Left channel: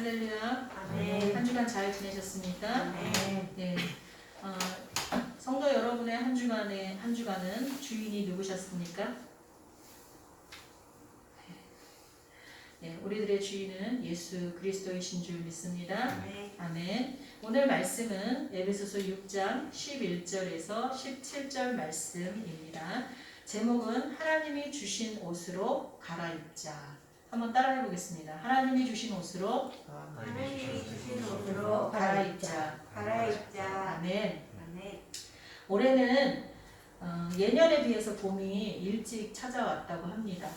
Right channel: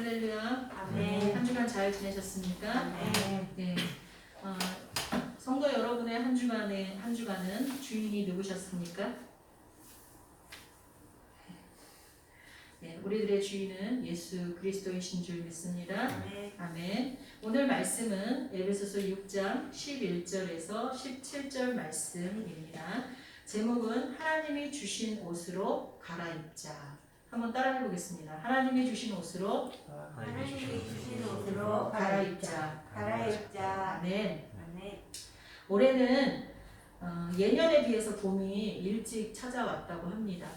할렐루야. 아멘. 한 주간 잘 지내셨습니까? 아멘. 네. 성도 여러분의 한 주간은 주인이 누구셨습니까? 네, 우리들의 주인은 예수 그리스도이신 줄 믿습니다. 아멘. 아멘. 오늘 말씀은 에베소서 6장 11절에서 17절 말씀입니다. 제목은 하나님이 주신 옷으로 갈아입자. 한번 따라해 보겠습니다. 하나님이 주신 옷으로 하나님이 주신 옷으로 갈아입자. 갈아입자. 아멘. 아멘. 올해는 예년에 비해서 봄이 일찍 찾아왔다고 합니다.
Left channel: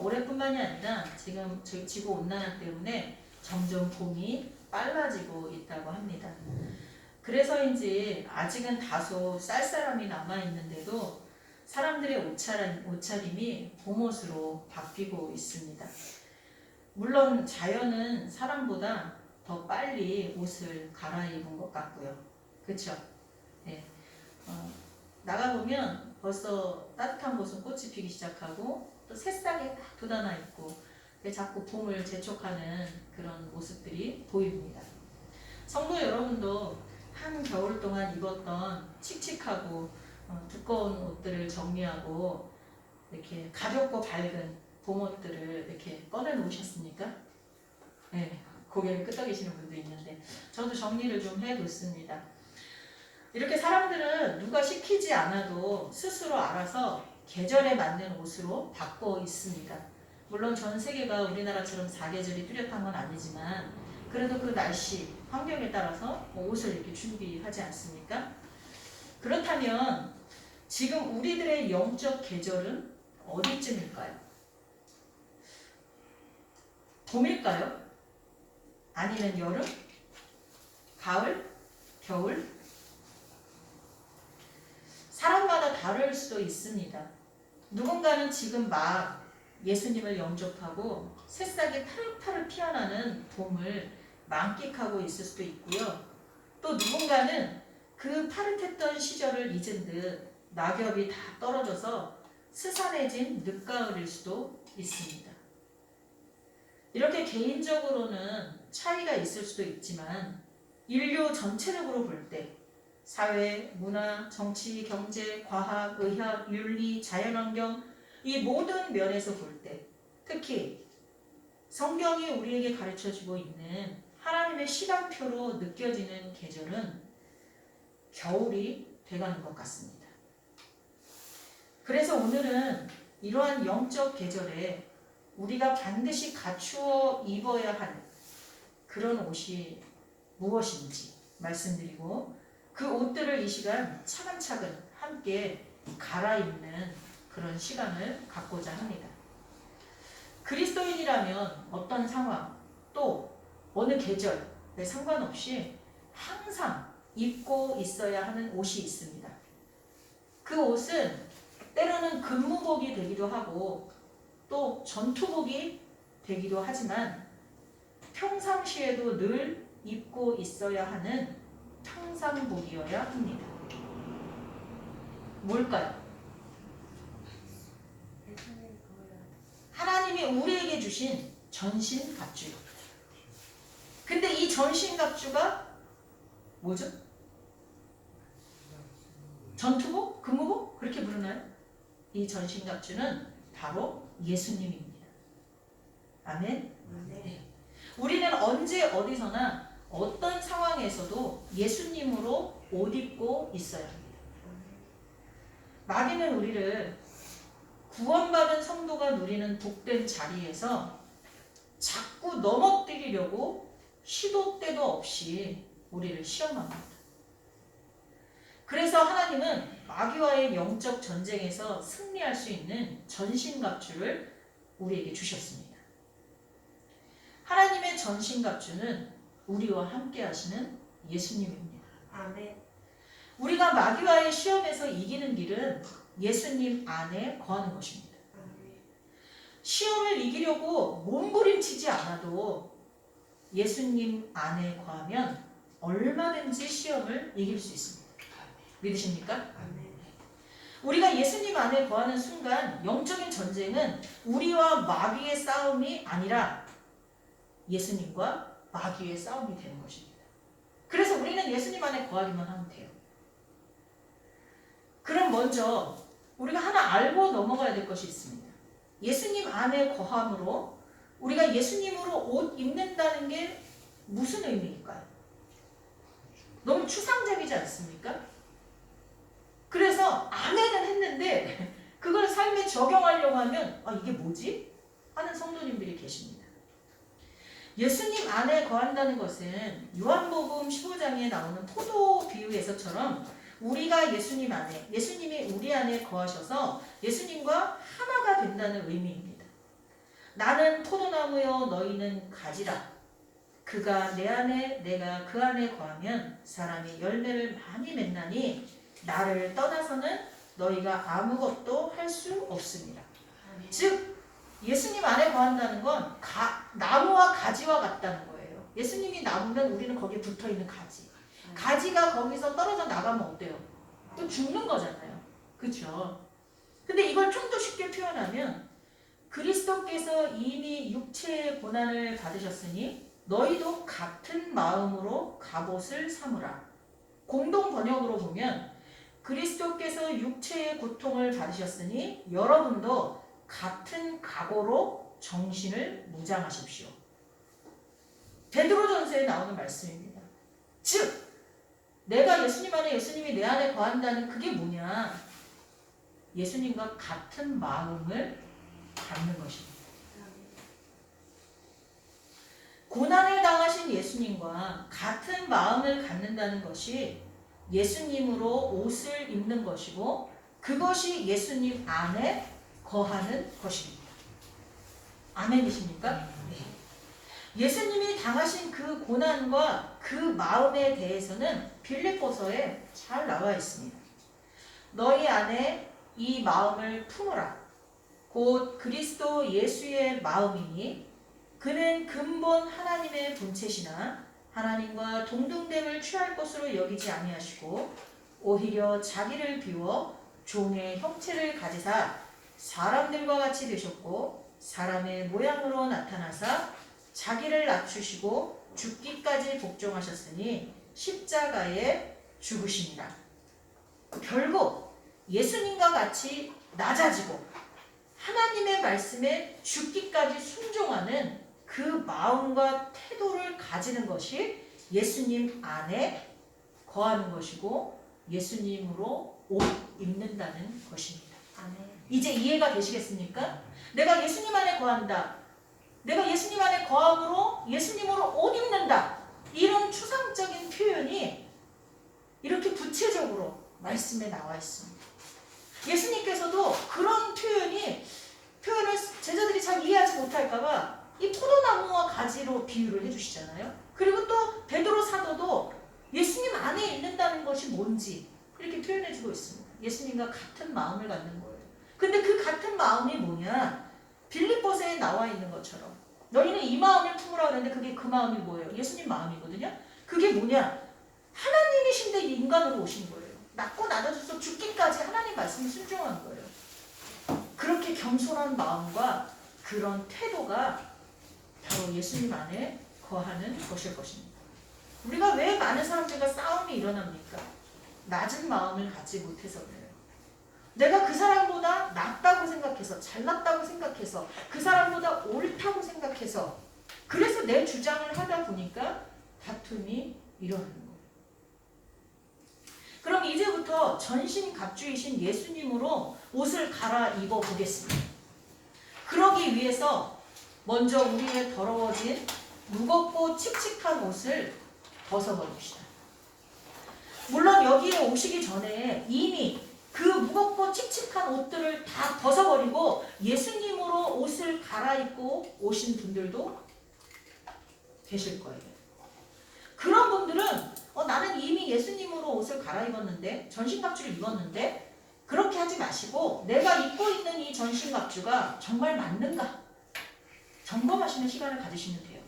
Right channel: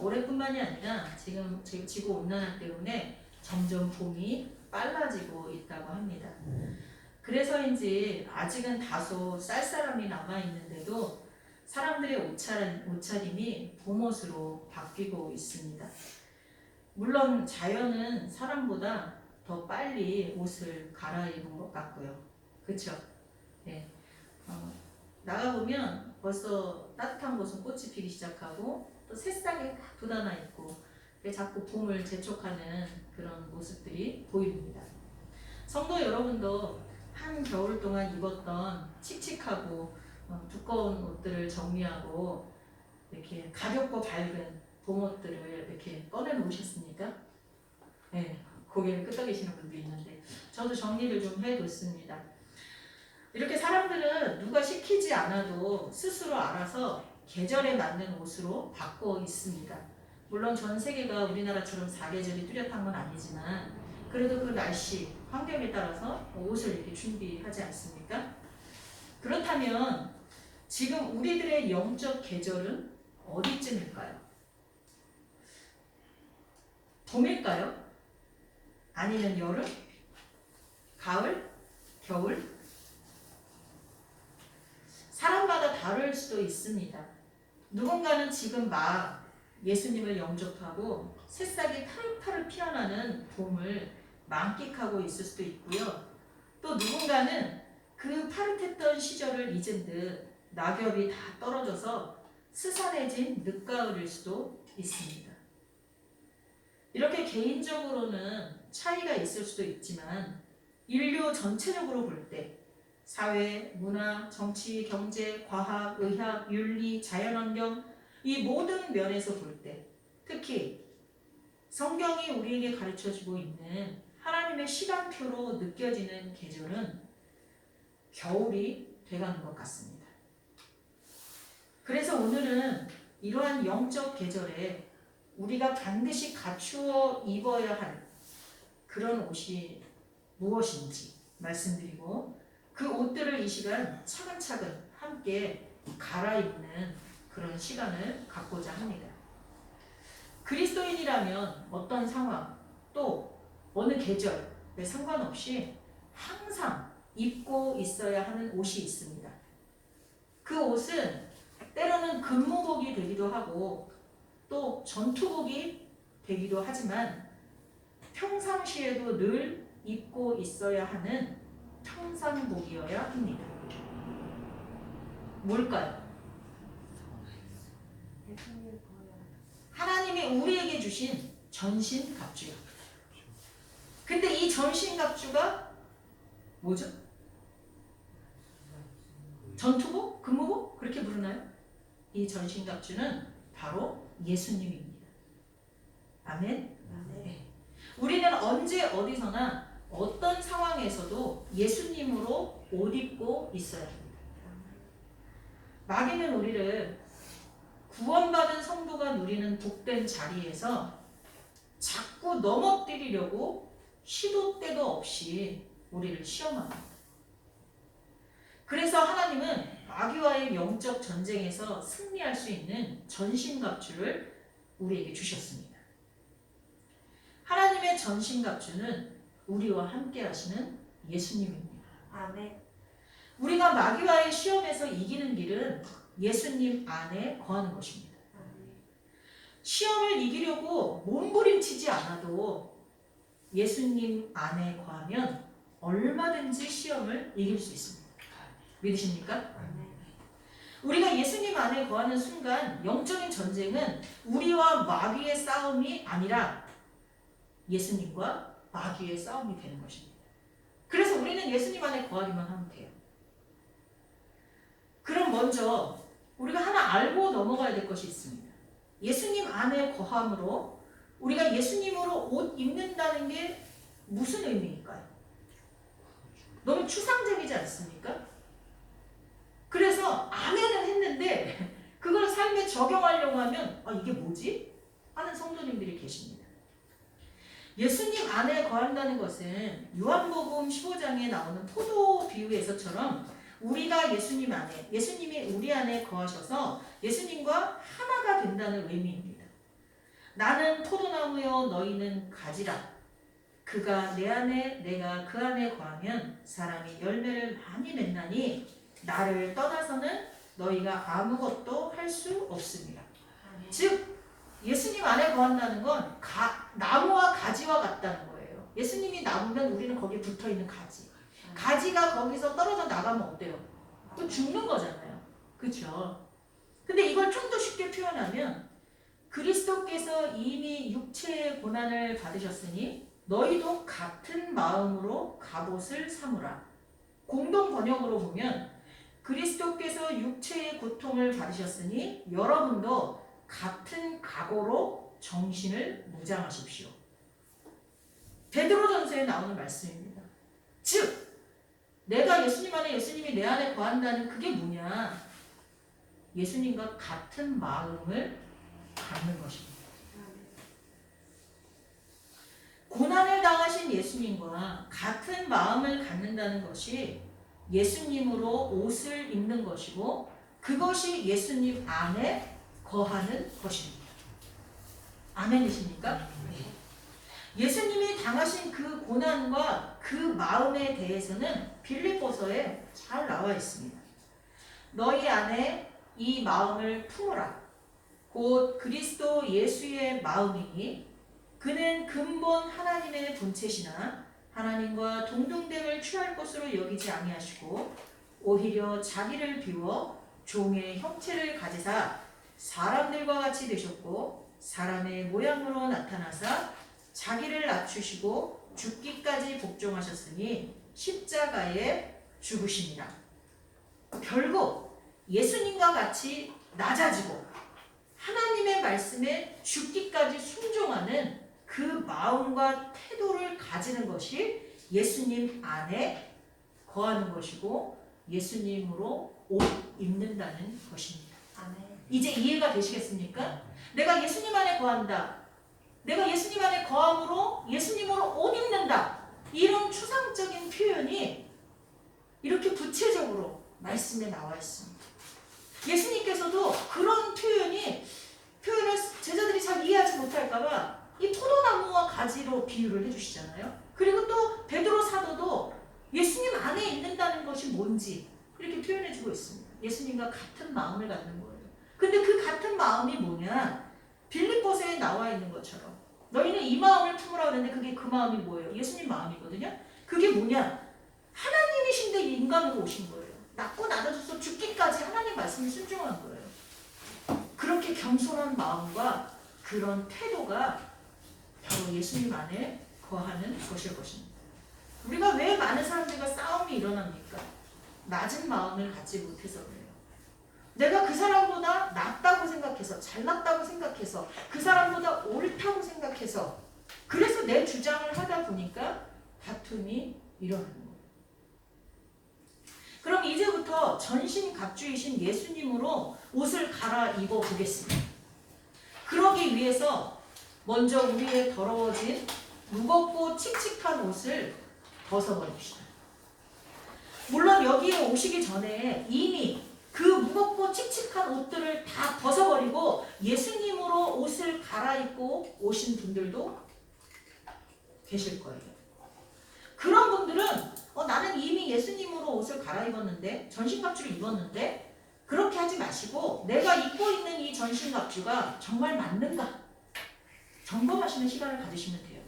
올해뿐만이 아니라 지금 지구 온난화 때문에 점점 봄이 빨라지고 있다고 합니다. 그래서인지 아직은 다소 쌀쌀함이 남아있는데도 사람들의 옷차림이 봄옷으로 바뀌고 있습니다. 물론 자연은 사람보다 더 빨리 옷을 갈아입은 것 같고요. 그렇죠? 네. 나가보면 벌써 따뜻한 곳은 꽃이 피기 시작하고 또 새싹이 딱 돋아나 있고 자꾸 봄을 재촉하는 그런 모습들이 보입니다. 성도 여러분도 한 겨울 동안 입었던 칙칙하고 두꺼운 옷들을 정리하고 이렇게 가볍고 밝은 봄옷들을 이렇게 꺼내 놓으셨습니까? 네, 고개를 끄덕이시는 분도 있는데 저도 정리를 좀 해뒀습니다. 이렇게 사람들은 누가 시키지 않아도 스스로 알아서 계절에 맞는 옷으로 바꿔 있습니다. 물론 전 세계가 우리나라처럼 사계절이 뚜렷한 건 아니지만 그래도 그 날씨, 환경에 따라서 옷을 이렇게 준비하지 않습니까? 그렇다면 지금 우리들의 영적 계절은 어디쯤일까요? 봄일까요? 아니면 여름? 가을? 겨울? 사람마다 다를 수도 있습니다. 누군가는 지금 막 예수님을 영접하고 새싹이 파릇파릇 피어나는 봄을 만끽하고 있을 수도 있고요. 또 누군가는 그 파릇했던 시절을 잊은 듯 낙엽이 다 떨어져서 스산해진 늦가을일 수도 있습니다. 이렇게 개인적으로는 차이가 있을 수도 있지만 인류 전체적으로 볼 때 사회, 문화, 정치, 경제, 과학, 의학, 윤리, 자연환경 이 모든 면에서 볼 때 특히 성경이 우리에게 가르쳐주고 있는 하나님의 시간표로 느껴지는 계절은 겨울이 돼가는 것 같습니다. 그래서 오늘은 이러한 영적 계절에 우리가 반드시 갖추어 입어야 할 그런 옷이 무엇인지 말씀드리고 그 옷들을 이 시간 차근차근 함께 갈아입는 그런 시간을 갖고자 합니다. 그리스도인이라면 어떤 상황 또 어느 계절에 상관없이 항상 입고 있어야 하는 옷이 있습니다. 그 옷은 때로는 근무복이 되기도 하고 또 전투복이 되기도 하지만 평상시에도 늘 입고 있어야 하는 평상복이어야 합니다. 뭘까요? 하나님이 우리에게 주신 전신갑주요. 근데 이 전신갑주가 뭐죠? 전투복? 근무복? 그렇게 부르나요? 이 전신갑주는 바로 예수님입니다. 아멘? 네. 우리는 언제 어디서나 어떤 상황에서도 예수님으로 옷 입고 있어야 합니다. 마귀는 우리를 구원받은 성도가 누리는 복된 자리에서 자꾸 넘어뜨리려고 시도 때도 없이 우리를 시험합니다. 그래서 하나님은 마귀와의 영적 전쟁에서 승리할 수 있는 전신갑주를 우리에게 주셨습니다. 하나님의 전신갑주는 우리와 함께 하시는 예수님입니다. 아멘. 우리가 마귀와의 시험에서 이기는 길은 예수님 안에 거하는 것입니다. 아멘. 시험을 이기려고 몸부림치지 않아도 예수님 안에 거하면 얼마든지 시험을 이길 수 있습니다. 믿으십니까? 아멘. 우리가 예수님 안에 거하는 순간 영적인 전쟁은 우리와 마귀의 싸움이 아니라 예수님과 마귀의 싸움이 되는 것입니다. 그래서 우리는 예수님 안에 거하기만 하면 돼요. 그럼 먼저 우리가 하나 알고 넘어가야 될 것이 있습니다. 예수님 안에 거함으로 우리가 예수님으로 옷 입는다는 게 무슨 의미일까요? 너무 추상적이지 않습니까? 그래서 아멘은 했는데 그걸 삶에 적용하려고 하면 이게 뭐지? 하는 성도님들이 계십니다. 예수님 안에 거한다는 것은 요한복음 15장에 나오는 포도 비유에서처럼 우리가 예수님 안에, 예수님이 우리 안에 거하셔서 예수님과 하나가 된다는 의미입니다. 나는 포도나무여 너희는 가지라. 그가 내 안에 내가 그 안에 거하면 사람이 열매를 많이 맺나니 나를 떠나서는 너희가 아무것도 할 수 없습니다. 즉 예수님 안에 거한다는 건 나무와 가지와 같다는 거예요. 예수님이 나무면 우리는 거기에 붙어있는 가지. 가지가 거기서 떨어져 나가면 어때요? 또 죽는 거잖아요. 그렇죠? 근데 이걸 좀 더 쉽게 표현하면 그리스도께서 이미 육체의 고난을 받으셨으니 너희도 같은 마음으로 갑옷을 삼으라. 공동 번역으로 보면 그리스도께서 육체의 고통을 받으셨으니 여러분도 같은 각오로 정신을 무장하십시오. 베드로전서에 나오는 말씀입니다. 즉 내가 예수님 안에 예수님이 내 안에 거한다는 그게 뭐냐? 예수님과 같은 마음을 갖는 것입니다. 고난을 당하신 예수님과 같은 마음을 갖는다는 것이 예수님으로 옷을 입는 것이고 그것이 예수님 안에 거하는 것입니다. 아멘이십니까? 네. 예수님이 당하신 그 고난과 그 마음에 대해서는 빌립보서에 잘 나와 있습니다. 너희 안에 이 마음을 품으라. 곧 그리스도 예수의 마음이니 그는 근본 하나님의 본체시나 하나님과 동등됨을 취할 것으로 여기지 아니하시고 오히려 자기를 비워 종의 형체를 가지사 사람들과 같이 되셨고 사람의 모양으로 나타나사 자기를 낮추시고 죽기까지 복종하셨으니 십자가에 죽으시니라. 결국 예수님과 같이 낮아지고 하나님의 말씀에 죽기까지 순종하는 그 마음과 태도를 가지는 것이 예수님 안에 거하는 것이고 예수님으로 옷 입는다는 것입니다. 이제 이해가 되시겠습니까? 내가 예수님 안에 거한다. 내가 예수님 안에 거함으로 예수님으로 옷 입는다. 이런 추상적인 표현이 이렇게 구체적으로 말씀에 나와 있습니다. 예수님께서도 그런 표현을 제자들이 잘 이해하지 못할까봐 이 포도나무와 가지로 비유를 해주시잖아요. 그리고 또 베드로 사도도 예수님 안에 있는다는 것이 뭔지 이렇게 표현해주고 있습니다. 예수님과 같은 마음을 갖는 거예요. 근데 그 같은 마음이 뭐냐? 빌립보서에 나와 있는 것처럼 너희는 이 마음을 품으라 그러는데 그게 그 마음이 뭐예요? 예수님 마음이거든요. 그게 뭐냐? 하나님이신데 인간으로 오신 거예요. 낮고 낮아져서 죽기까지 하나님 말씀에 순종한 거예요. 그렇게 겸손한 마음과 그런 태도가 바로 예수님 안에 거하는 것일 것입니다. 우리가 왜 많은 사람들과 싸움이 일어납니까? 낮은 마음을 갖지 못해서 그래요. 내가 그 사람보다 낫다고 생각해서 잘났다고 생각해서 그 사람보다 옳다고 생각해서 그래서 내 주장을 하다 보니까 다툼이 일어나는 거예요. 그럼 이제부터 전신갑주이신 예수님으로 옷을 갈아입어 보겠습니다. 그러기 위해서 먼저 우리의 더러워진 무겁고 칙칙한 옷을 벗어버립시다. 물론 여기에 오시기 전에 이미 그 무겁고 칙칙한 옷들을 다 벗어버리고 예수님으로 옷을 갈아입고 오신 분들도 계실 거예요. 그런 분들은 나는 이미 예수님으로 옷을 갈아입었는데 전신갑주를 입었는데 그렇게 하지 마시고 내가 입고 있는 이 전신갑주가 정말 맞는가 점검하시는 시간을 가지시면 돼요.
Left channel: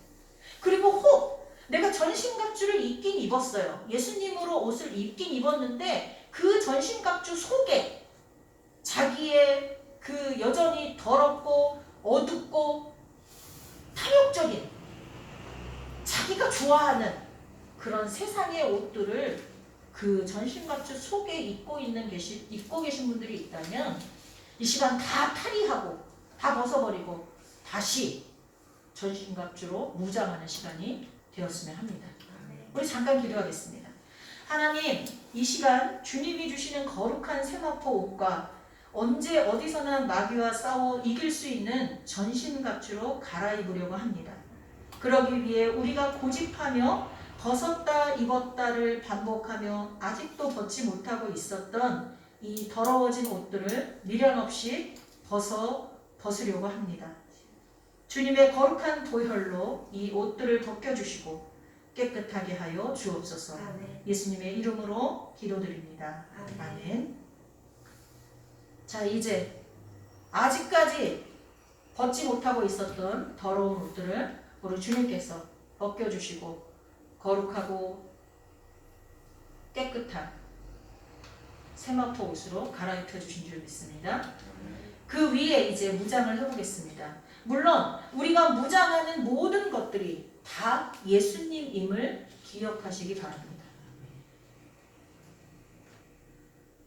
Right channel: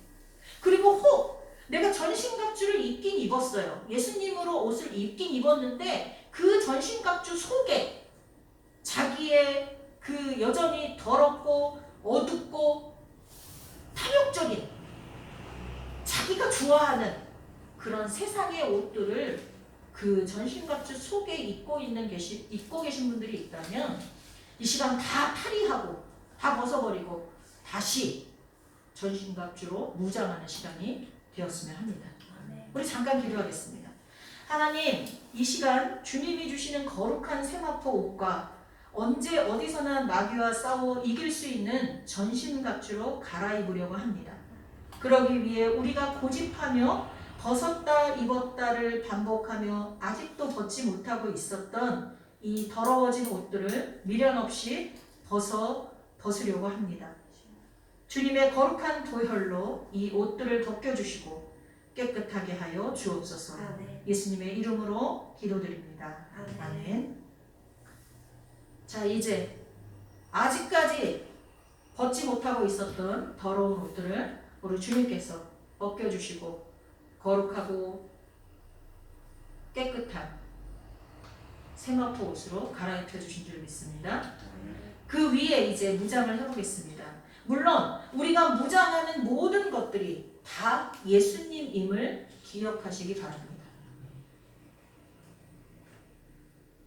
그리고 혹 내가 전신갑주를 입긴 입었어요. 예수님으로 옷을 입긴 입었는데 그 전신갑주 속에 자기의 그 여전히 더럽고 어둡고 탐욕적인 자기가 좋아하는 그런 세상의 옷들을 그 전신갑주 속에 입고 계신 분들이 있다면 이 시간 다 탈의하고 다 벗어버리고 다시 전신갑주로 무장하는 시간이 되었으면 합니다. 우리 잠깐 기도하겠습니다. 하나님, 이 시간 주님이 주시는 거룩한 세마포 옷과 언제 어디서나 마귀와 싸워 이길 수 있는 전신갑주로 갈아입으려고 합니다. 그러기 위해 우리가 고집하며 벗었다 입었다를 반복하며 아직도 벗지 못하고 있었던 이 더러워진 옷들을 미련 없이 벗으려고 합니다. 주님의 거룩한 보혈로 이 옷들을 벗겨주시고 깨끗하게 하여 주옵소서. 예수님의 이름으로 기도드립니다. 아멘. 자, 이제 아직까지 벗지 못하고 있었던 더러운 옷들을 우리 주님께서 벗겨주시고 거룩하고 깨끗한 세마포 옷으로 갈아입혀 주신 줄 믿습니다. 그 위에 이제 무장을 해보겠습니다. 물론 우리가 무장하는 모든 것들이 다 예수님임을 기억하시기 바랍니다.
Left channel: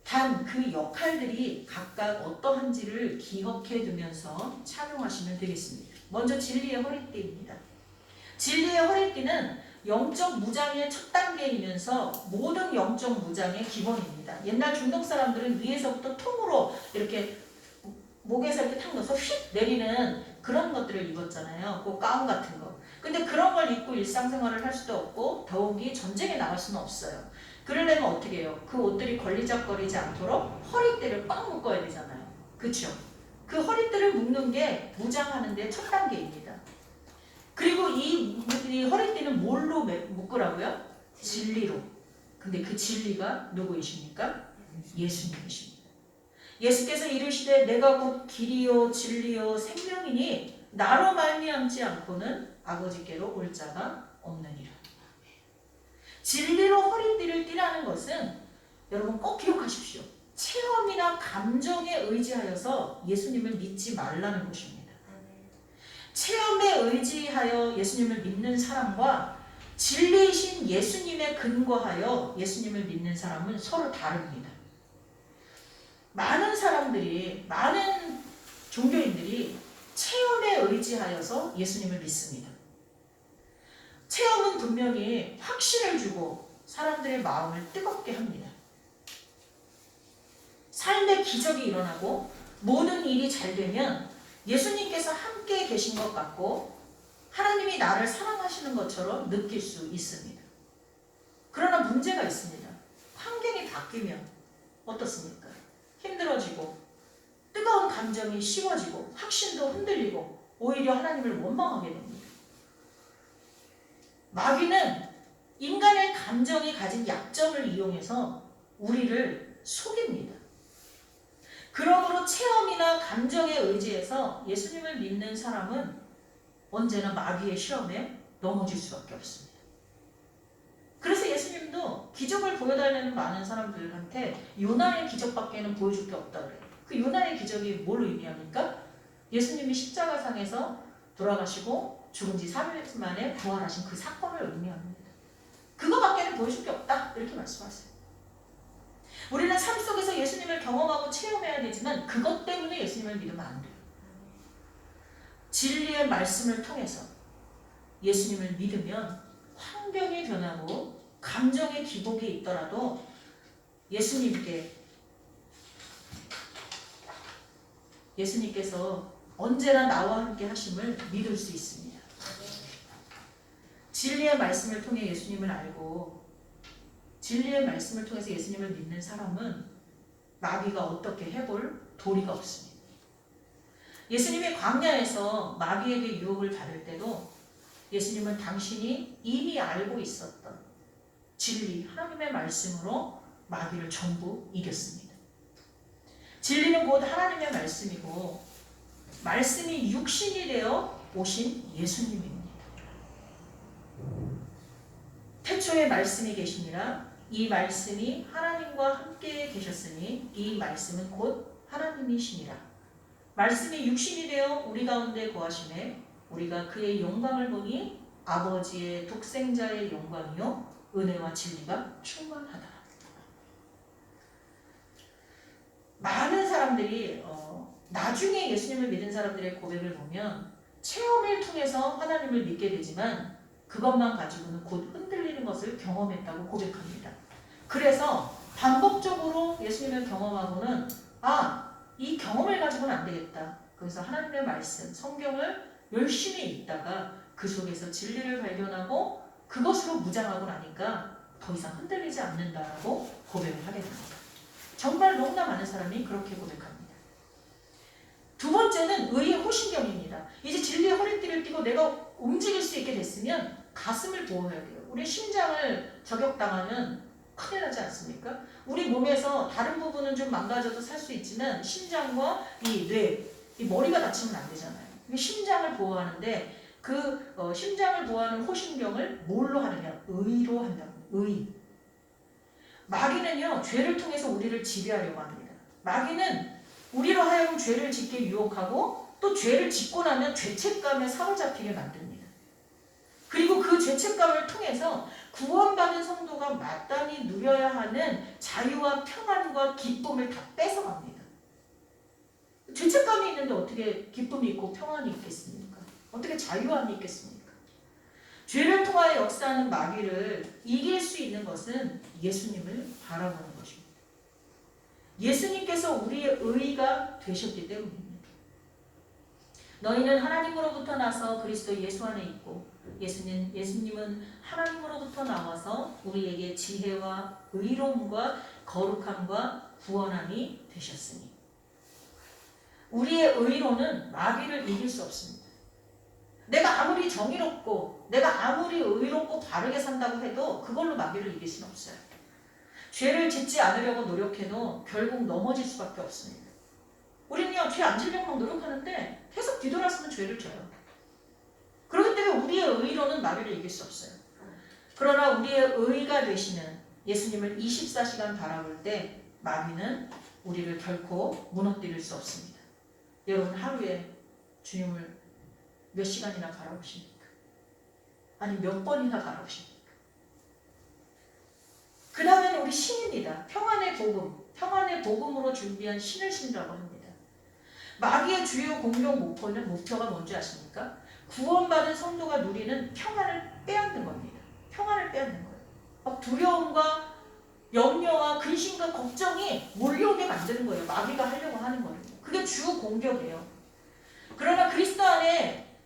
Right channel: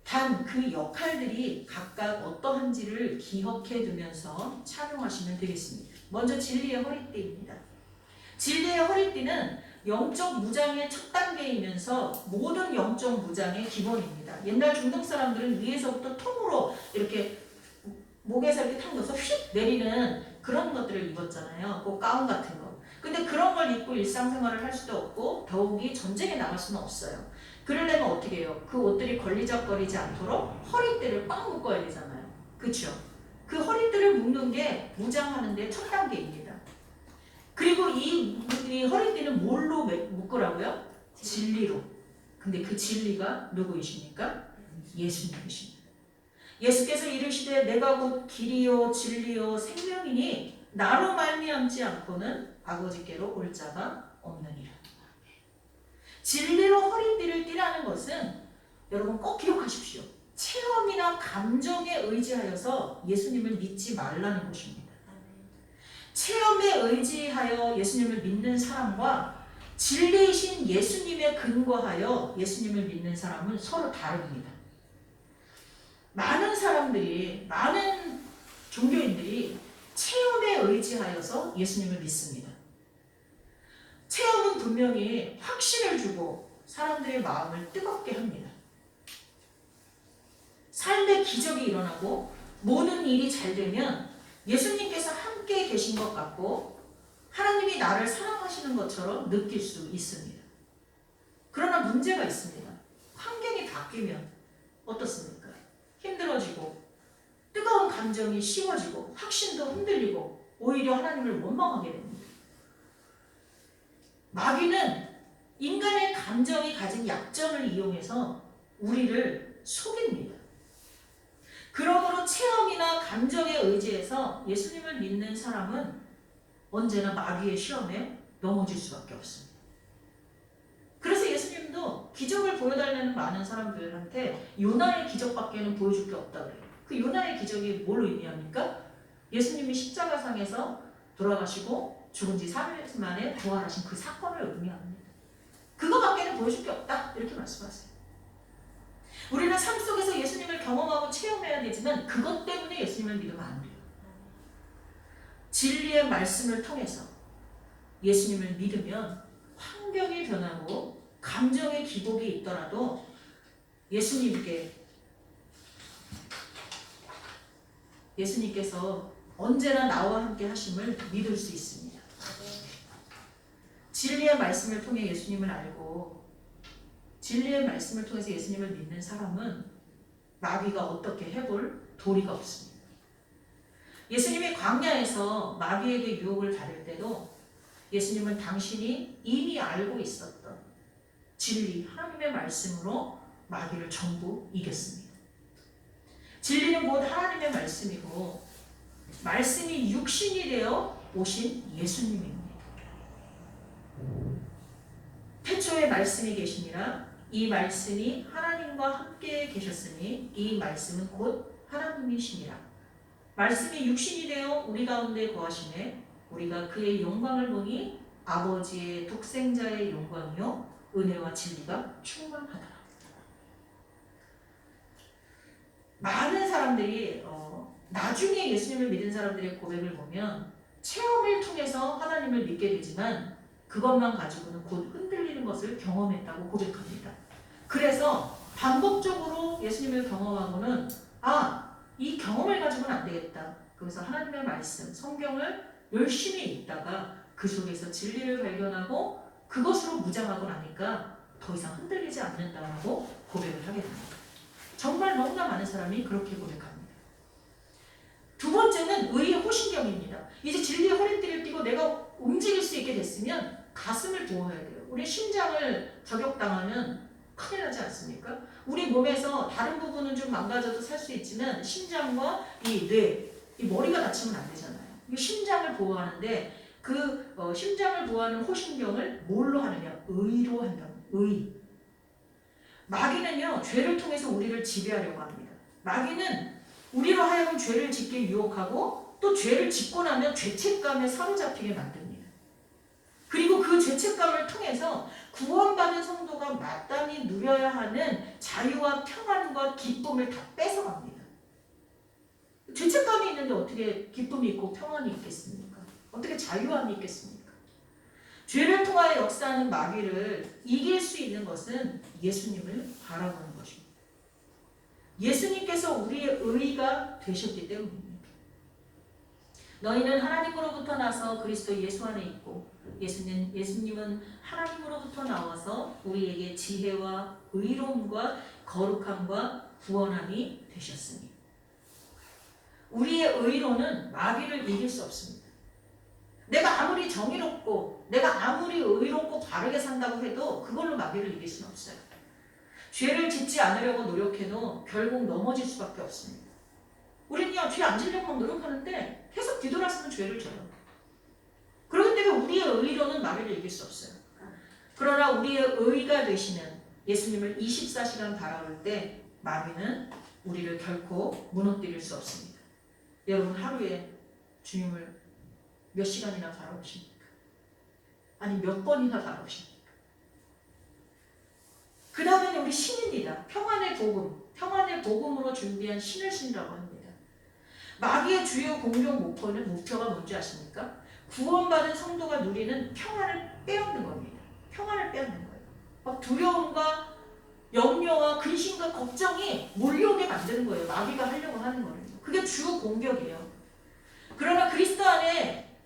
단 그 역할들이 각각 어떠한지를 기억해 두면서 착용하시면 되겠습니다. 먼저 진리의 허리띠입니다. 진리의 허리띠는 영적 무장의 첫 단계이면서 모든 영적 무장의 기본입니다. 옛날 중동 사람들은 위에서부터 통으로 이렇게 목에서 이렇게 탁 넣어서 휙 내리는 그런 것들을 입었잖아요. 그 가운 같은 거. 근데 그런 걸 입고 일상생활을 할 수도 없고 더욱이 전쟁에 나갈 수는 없어요. 그러려면 어떻게 해요? 그 옷들이 걸리적거리지 않도록 허리띠를 꽉 묶어야 되잖아요. 그렇죠? 그 허리띠를 묶는 게 무장하는 데 첫 단계입니다. 그리고 이 허리띠는 뭘로 묶으라고요? 진리로. 근데 그 진리가 누구이십니까? 예수님이십니다. 예수께서 이르시되 내가 곧 길이요 진리요 생명이니 나로 말미암지 않고는 아버지께로 올 자가 없느니라. 진리로 허리띠를 띠라는 것은 여러분 꼭 기억하십시오. 체험이나 감정에 의지하여서 예수님을 믿지 말라는 것입니다. 체험에 의지하여 예수님을 믿는 사람과 진리이신 예수님에 근거하여 예수님을 믿는 사람은 서로 다릅니다. 많은 사람들이, 많은 종교인들이 체험에 의지하여서 예수님을 믿습니다. 체험은 분명히 확신을 주고 사람들의 마음을 뜨겁게 합니다. 삶의 기적이 일어나고 모든 일이 잘 되면 예수님께서 함께 계신 것 같고 하나님이 나를 사랑하시는 것처럼 느낄 수 있습니다. 그러나 문제가 있습니다. 환경이 바뀌면 어떻습니까? 힘들어지고 뜨거운 감정이 식어지고 확신도 흔들리고 오히려 하나님을 원망하게 됩니다. 마귀는 인간의 감정이 가진 약점을 이용해서 우리를 속입니다. 그러므로 체험이나 감정에 의지해서 예수님을 믿는 사람은 언제나 마귀의 시험에 넘어질 수밖에 없습니다. 그래서 예수님도 기적을 보여달라는 많은 사람들한테 요나의 기적밖에는 보여줄 게 없다 그래요. 그 요나의 기적이 뭘 의미합니까? 예수님이 십자가상에서 돌아가시고 죽은 지 3일 만에 부활하신 그 사건을 의미합니다. 그거밖에는 보여줄 게 없다 이렇게 말씀하세요. 우리는 삶 속에서 예수님을 경험하고 체험해야 되지만 그것 때문에 예수님을 믿으면 안 돼요. 진리의 말씀을 통해서 예수님을 믿으면 환경이 변하고 감정의 기복이 있더라도 예수님께서 언제나 나와 함께 하심을 믿을 수 있습니다. 진리의 말씀을 통해 예수님을 알고 진리의 말씀을 통해서 예수님을 믿는 사람은 마귀가 어떻게 해볼 도리가 없습니다. 예수님이 광야에서 마귀에게 유혹을 받을 때도 예수님은 당신이 이미 알고 있었던 진리, 하나님의 말씀으로 마귀를 전부 이겼습니다. 진리는 곧 하나님의 말씀이고 말씀이 육신이 되어 오신 예수님입니다. 태초에 말씀이 계시니라 이 말씀이 하나님과 함께 계셨으니 이 말씀은 곧 하나님이시니라. 말씀이 육신이 되어 우리 가운데 거하심에 우리가 그의 영광을 보니 아버지의 독생자의 영광이요 은혜와 진리가 충만하다. 많은 사람들이 나중에 예수님을 믿은 사람들의 고백을 보면 체험을 통해서 하나님을 믿게 되지만 그것만 가지고는 곧 흔들리는 것을 경험했다고 고백합니다. 그래서 반복적으로 예수님을 경험하고는 이 경험을 가지고는 안 되겠다. 그래서 하나님의 말씀, 성경을 열심히 읽다가 그 속에서 진리를 발견하고 그것으로 무장하고 나니까 더 이상 흔들리지 않는다라고 고백을 하게 됩니다. 정말 너무나 많은 사람이 그렇게 고백합니다. 두 번째는 의의 호신경입니다. 이제 진리의 허리띠를 띠고 내가 움직일 수 있게 됐으면 가슴을 보호해야 돼요. 우리 심장을 저격당하면 큰일 나지 않습니까? 우리 몸에서 다른 부분은 좀 망가져도 살 수 있지만 심장과 이 뇌, 이 머리가 다치면 안 되잖아요. 심장을 보호하는데 그 심장을 보호하는 호신경을 뭘로 하느냐? 의로 한다. 의. 마귀는요, 죄를 통해서 우리를 지배하려고 합니다. 마귀는 우리로 하여금 죄를 짓게 유혹하고 또 죄를 짓고 나면 죄책감에 사로잡히게 만듭니다. 그리고 그 죄책감을 통해서 구원받은 성도가 마땅히 누려야 하는 자유와 평안과 기쁨을 다 뺏어갑니다. 죄책감이 있는데 어떻게 기쁨이 있고 평안이 있겠습니까? 어떻게 자유함이 있겠습니까? 죄를 통하여 역사하는 마귀를 이길 수 있는 것은 예수님을 바라보는 것입니다. 예수님께서 우리의 의가 되셨기 때문입니다. 너희는 하나님으로부터 나서 그리스도 예수 안에 있고 예수님은 하나님으로부터 나와서 우리에게 지혜와 의로움과 거룩함과 구원함이 되셨으니 우리의 의로는 마귀를 이길 수 없습니다. 내가 아무리 정의롭고 내가 아무리 의롭고 바르게 산다고 해도 그걸로 마귀를 이길 수는 없어요. 죄를 짓지 않으려고 노력해도 결국 넘어질 수밖에 없습니다. 우리는요, 죄 안 지려고 막 노력하는데 계속 뒤돌아서는 죄를 져요. 그렇기 때문에 우리의 의로는 마귀를 이길 수 없어요. 그러나 우리의 의가 되시는 예수님을 24시간 바라볼 때 마귀는 우리를 결코 무너뜨릴 수 없습니다. 여러분 하루에 주님을 몇 시간이나 바라보십니까? 아니 몇 번이나 바라보십니까? 그 다음에는 우리 신입니다. 평안의 복음, 평안의 복음으로 준비한 신을 신이라고 합니다. 마귀의 주요 공격 목표가 뭔지 아십니까? 구원받은 성도가 누리는 평안을 빼앗는 겁니다. 평안을 빼앗는 거예요. 막 두려움과 염려와 근심과 걱정이 몰려오게 만드는 거예요. 마귀가 하려고 하는 거예요. 그게 주 공격이에요. 그러나 그리스도 안에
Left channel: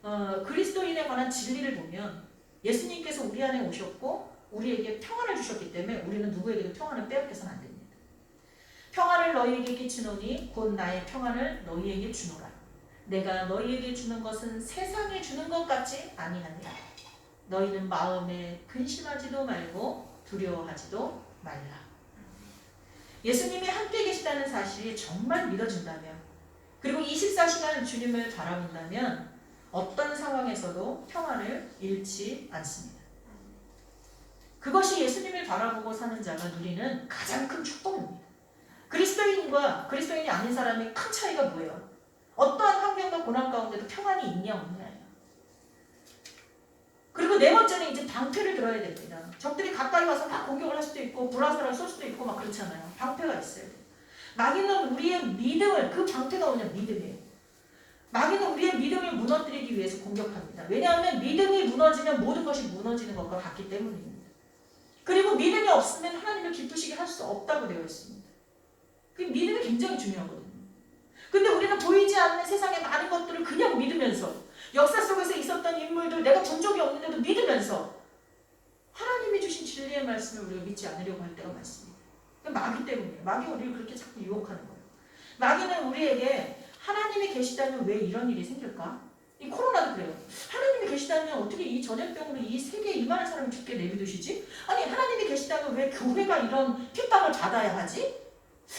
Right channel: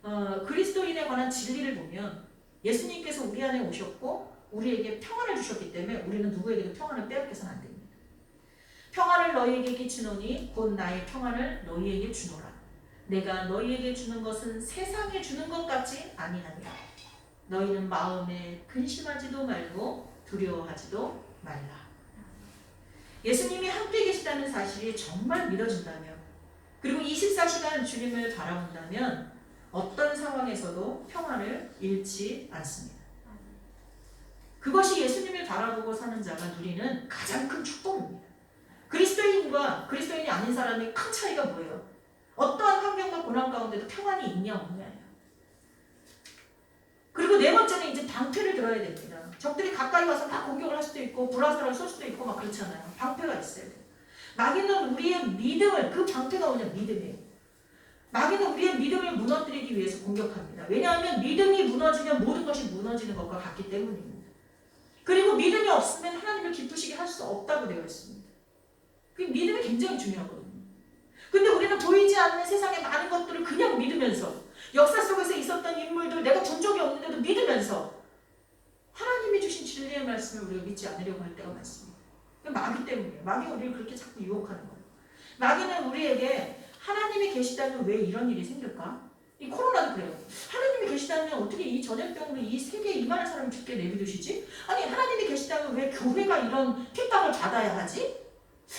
그리스도인에 관한 진리를 보면 예수님께서 우리 안에 오셨고 우리에게 평안을 주셨기 때문에 우리는 누구에게도 평안을 빼앗겨서는 안 됩니다. 평안을 너희에게 끼치노니 곧 나의 평안을 너희에게 주노라. 내가 너희에게 주는 것은 세상에 주는 것 같지 아니하니라. 너희는 마음에 근심하지도 말고 두려워하지도 말라. 예수님이 함께 계시다는 사실이 정말 믿어진다면 그리고 24시간 주님을 바라본다면 어떤 상황에서도 평안을 잃지 않습니다. 그것이 예수님을 바라보고 사는 자가 누리는 가장 큰 축복입니다. 그리스도인과 그리스도인이 아닌 사람이 큰 차이가 뭐예요? 어떠한 환경과 고난 가운데도 평안이 있냐 없냐예요. 그리고 네 번째는 이제 방패를 들어야 됩니다. 적들이 가까이 와서 막 공격을 할 수도 있고 불화살을 쏠 수도 있고 막 그렇잖아요. 방패가 있어야 돼요. 마귀는 우리의 믿음을, 그 방패가 뭐냐? 믿음이에요. 마귀는 우리의 믿음을 무너뜨리기 위해서 공격합니다. 왜냐하면 믿음이 무너지면 모든 것이 무너지는 것과 같기 때문입니다. 그리고 믿음이 없으면 하나님을 기쁘시게 할 수 없다고 되어 있습니다. 그 믿음이 굉장히 중요하거든요. 근데 우리는 보이지 않는 세상의 많은 것들을 그냥 믿으면서 역사 속에서 있었던 인물들 내가 본 적이 없는데도 믿으면서 하나님이 주신 진리의 말씀을 우리가 믿지 않으려고 할 때가 많습니다. 마귀 때문이에요. 마귀가 우리를 그렇게 자꾸 유혹하는 거예요. 마귀는 우리에게 하나님이 계시다면 왜 이런 일이 생길까? 이 코로나도 그래요. 하나님이 계시다면 어떻게 이 전염병으로 이 세계에 이 많은 사람을 죽게 내비두시지? 아니 하나님이 계시다면 왜 교회가 이런 핍박을 받아야 하지?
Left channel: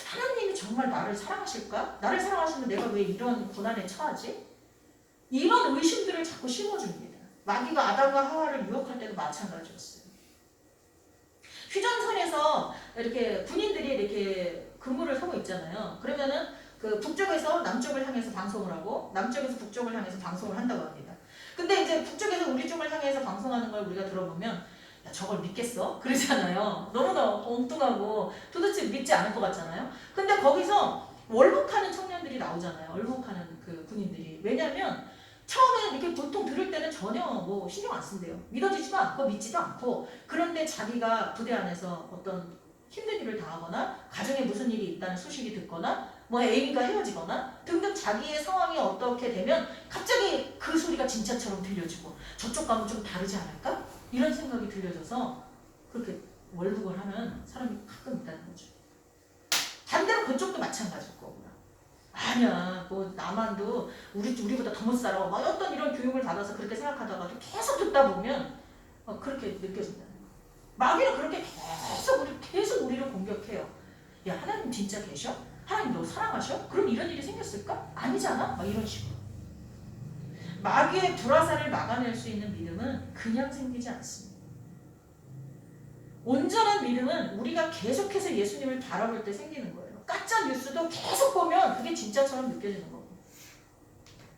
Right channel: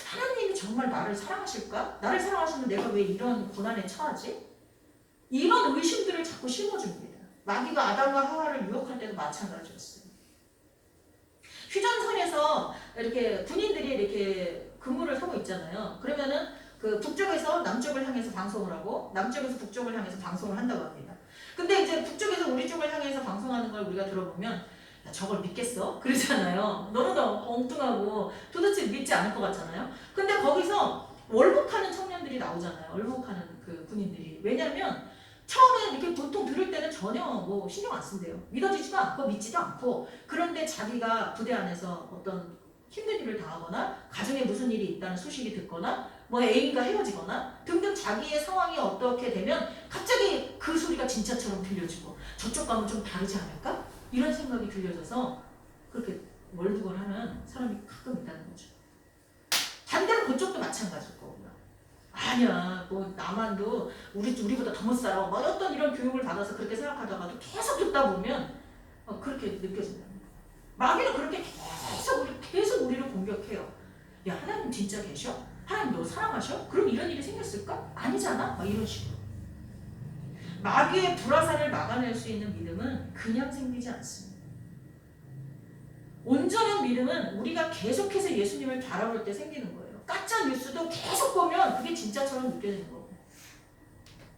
하나님이 정말 나를 사랑하실까? 나를 사랑하시면 내가 왜 이런 고난에 처하지? 이런 의심들을 자꾸 심어줍니다. 마귀가 아담과 하와를 유혹할 때도 마찬가지였어요. 휴전선에서 이렇게 군인들이 이렇게 근무를 하고 있잖아요. 그러면은 그 북쪽에서 남쪽을 향해서 방송을 하고 남쪽에서 북쪽을 향해서 방송을 한다고 합니다. 근데 이제 북쪽에서 우리 쪽을 향해서 방송하는 걸 우리가 들어보면 야, 저걸 믿겠어? 그러잖아요. 너무나 엉뚱하고 도대체 믿지 않을 것 같잖아요. 근데 거기서 월북하는 청년들이 나오잖아요. 월북하는 그 군인들이. 왜냐면 처음에 이렇게 보통 들을 때는 전혀 뭐 신경 안 쓴대요. 믿어지지도 않고 믿지도 않고. 그런데 자기가 부대 안에서 어떤 힘든 일을 당하거나 가정에 무슨 일이 있다는 소식이 듣거나 뭐 애인과 헤어지거나 등등 자기의 상황이 어떻게 되면 갑자기 그 소리가 진짜처럼 들려지고 저쪽 가면 좀 다르지 않을까? 이런 생각이 들려져서 그렇게 월북을 하는 사람이 가끔 있다는 거죠. 반대로 그쪽도 마찬가지고 아니야 뭐 나만도 우리보다 더 못 살아 막 어떤 이런 교육을 받아서 그렇게 생각하다가도 계속 듣다 보면 그렇게 느껴진다는 거예요. 마귀는 그렇게 계속 우리를 공격해요. 야 하나님 진짜 계셔? 하나님 너 사랑하셔? 그럼 이런 일이 생겼을까? 아니잖아? 막 이런 식으로. 마귀의 불화살을 막아낼 수 있는 믿음은 그냥 생기지 않습니다. 온전한 믿음은 우리가 계속해서 예수님을 바라볼 때 생기는 거예요. 가짜 뉴스도 계속 보면 그게 진짜처럼 느껴지는 거고.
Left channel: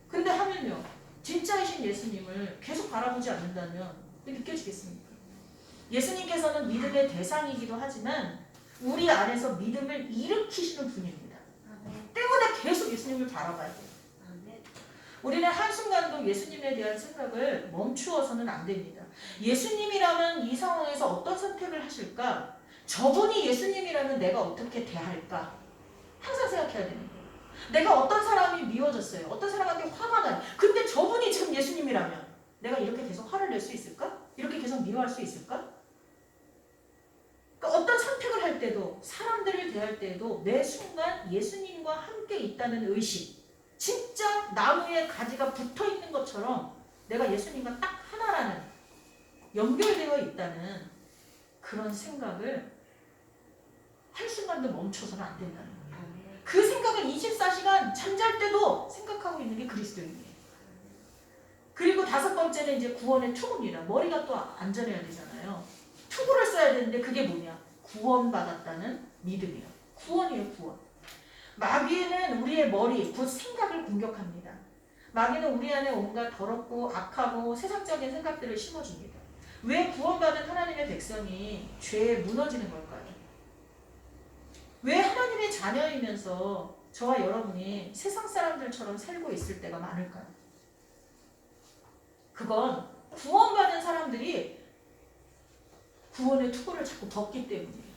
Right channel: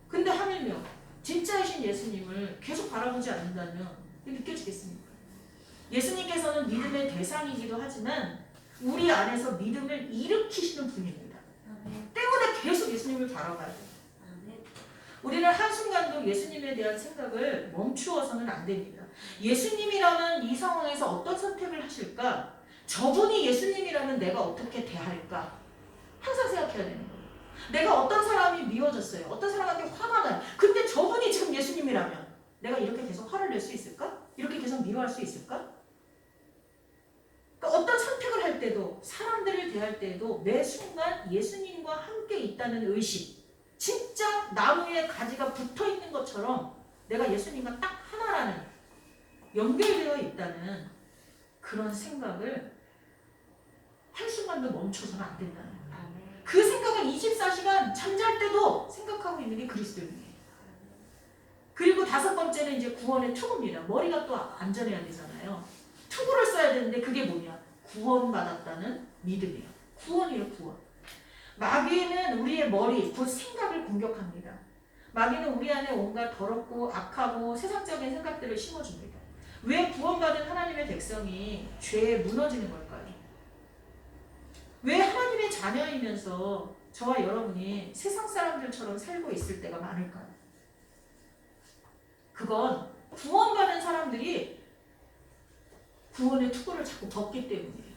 근데 하물며 진짜이신 예수님을 계속 바라보지 않는다면 느껴지겠습니까? 예수님께서는 믿음의 대상이기도 하지만 우리 안에서 믿음을 일으키시는 분입니다. 때문에 계속 예수님을 바라봐야 돼요. 우리는 한순간도 예수님에 대한 생각을 멈추어서는 안 됩니다. 예수님이라면 이 상황에서 어떤 선택을 하실까? 저분이 예수님이라면 내가 어떻게 대할까? 항상 생각해야 되는 거예요. 내가 어떤 사람이 미워졌어요. 어떤 사람한테 화가 나요. 근데 저분이 지금 예수님이라면 내가 이렇게 계속 화를 낼 수 있을까? 이렇게 계속 미워할 수 있을까? 그러니까 어떤 선택을 할 때도 사람들을 대할 때도 매 순간 예수님과 함께 있다는 의식, 진짜 나무에 가지가 붙어있는 것처럼 내가 예수님과 딱 하나라는 연결되어 있다는 그런 생각을 한순간도 멈춰서는 안 된다는 거예요. 그 생각을 24시간 잠잘 때도 생각하고 있는 게 그리스도인이에요. 그리고 5번째는 이제 구원의 투구입니다. 머리가 또 안전해야 되잖아요. 투구를 써야 되는데 그게 뭐냐? 구원받았다는 믿음이에요. 구원이에요, 구원. 마귀는 우리의 머리, 곧 생각을 공격합니다. 마귀는 우리 안에 온갖 더럽고 악하고 세상적인 생각들을 심어줍니다. 왜 구원받은 하나님의 백성이 죄에 무너지는 걸까요? 왜 하나님의 자녀이면서 저와 여러분이 세상 사람들처럼 살고 있을 때가 많을까요? 그건 구원받은 사람들이 구원의 투구를 자꾸 벗기 때문이에요.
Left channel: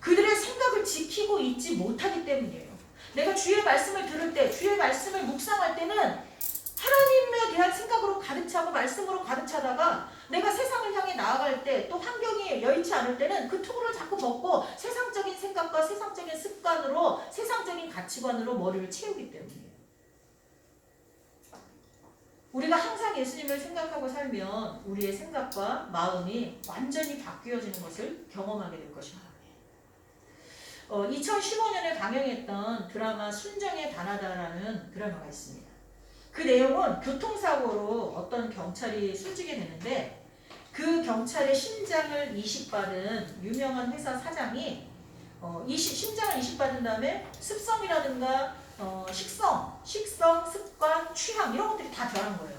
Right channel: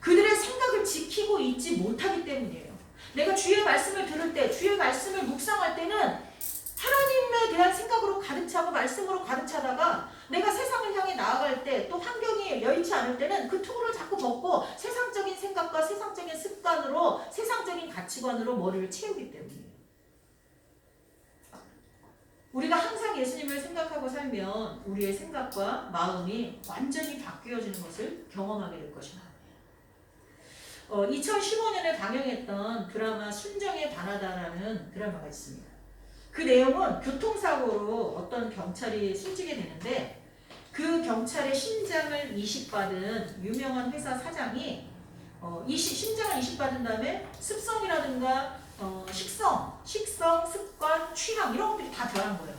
그들의 생각을 지키고 있지 못하기 때문이에요. 내가 주의 말씀을 들을 때, 주의 말씀을 묵상할 때는 하나님에 대한 생각으로 가득 차고 말씀으로 가득 차다가 내가 세상을 향해 나아갈 때 또 환경이 여의치 않을 때는 그 투구를 자꾸 벗고 세상적인 생각과 세상적인 습관으로 세상적인 가치관으로 머리를 채우기 때문이에요. 우리가 항상 예수님을 생각하고 살면 우리의 생각과 마음이 완전히 바뀌어지는 것을 경험하게 될 것입니다. 2015년에 방영했던 드라마 순정에 반하다라는 드라마가 있습니다. 그 내용은 교통사고로 어떤 경찰이 숨지게 되는데 그 경찰의 심장을 이식받은 유명한 회사 사장이 심장을 이식받은 다음에 습성이라든가 식성, 습관, 취향 이런 것들이 다 변한 거예요.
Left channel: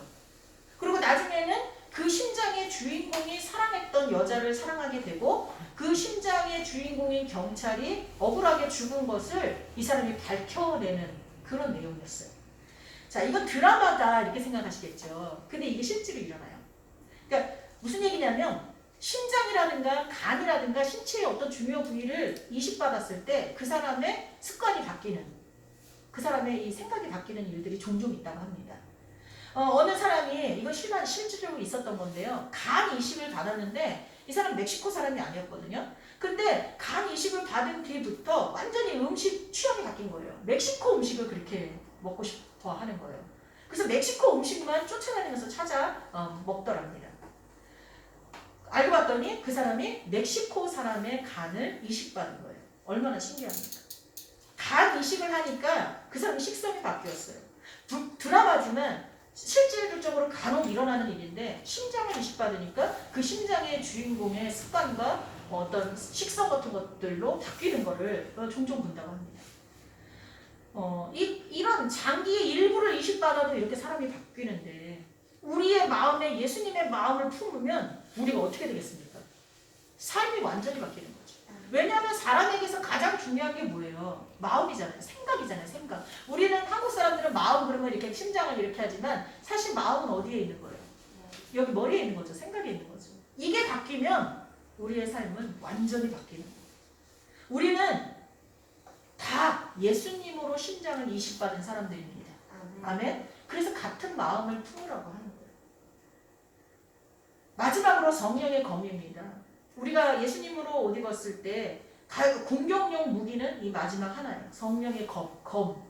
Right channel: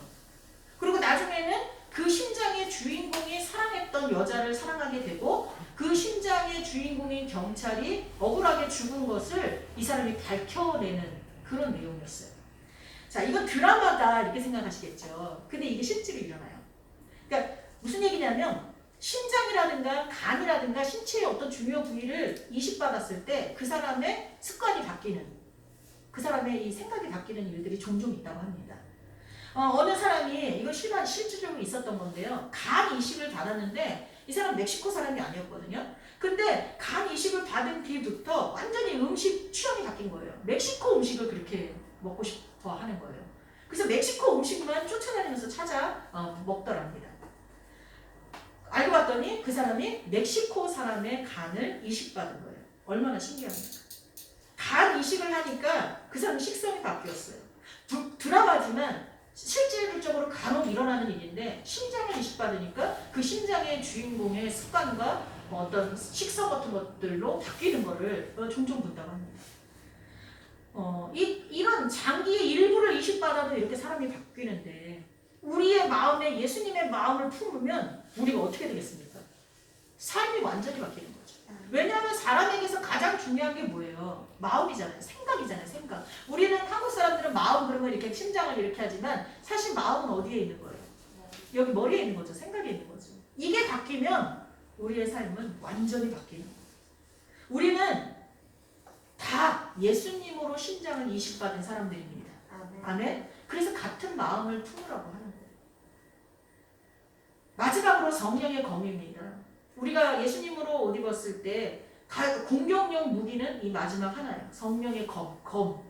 그리고 나중에는 그 심장의 주인공이 사랑했던 여자를 사랑하게 되고 그 심장의 주인공인 경찰이 억울하게 죽은 것을 이 사람이 밝혀내는 그런 내용이었어요. 자, 이건 드라마다 이렇게 생각하시겠죠. 근데 이게 실제로 일어나요. 그러니까 무슨 얘기냐면 심장이라든가 간이라든가 신체의 어떤 중요 부위를 이식받았을 때 그 사람의 습관이 바뀌는, 그 사람의 이 생각이 바뀌는 일들이 종종 있다고 합니다. 어느 사람이, 이건 실질적으로 있었던 건데요. 간 이식을 받았는데 이 사람 멕시코 사람이 아니었거든요. 근데 간 이식을 받은 뒤부터 완전히 음식 취향이 바뀐 거예요. 멕시코 음식을 그렇게 먹고 싶어 하는 거예요. 그래서 멕시코 음식만 쫓아다니면서 찾아 먹더랍니다. 알고 봤더니 그 사람이 멕시코 사람의 간을 이식받은 거예요. 얼마나 신기합니까? 간 이식을 하니까 그 사람의 식성이 바뀌었어요. 드라마지만 실질적으로 간혹 일어나는 일인데 심장을 이식받으니까 그 심장의 주인공의 습관과 어떤 식성 같은 것들로 바뀌는 거를 종종 본다고 합니다. 이런 장기의 일부를 이식받아도 이렇게 사람이 바뀌는데 우리의 마음에 예수님의 마음을 품으면 우리가 어떻게 되겠습니까? 삶이 완전히 바뀌는 거죠. 왜냐하면 사람에게서 가장 중요한 게 뭐예요? 마음이잖아요. 생각이잖아요. 생각. 우리는 한국 사람들은 마음 그러면 이렇게 심장을 이렇게 하지만 사실 마음은 어디에 있는 거예요? 여기 머리에 있는 거죠. 생각에 있는 거죠. 이게 바뀌면 우리의 삶은 완전히 바뀌는 거예요. 우리는 다 예수님으로 심장을 이식받은 사람들입니다. 아멘. 그래서 같은 마음을 품으라고 하는 거예요. 마지막으로 성령의 검입니다. 우리가 예수님으로 옷 입었을 때 공격용 무기는 이 마지막 하나예요. 성령의 검.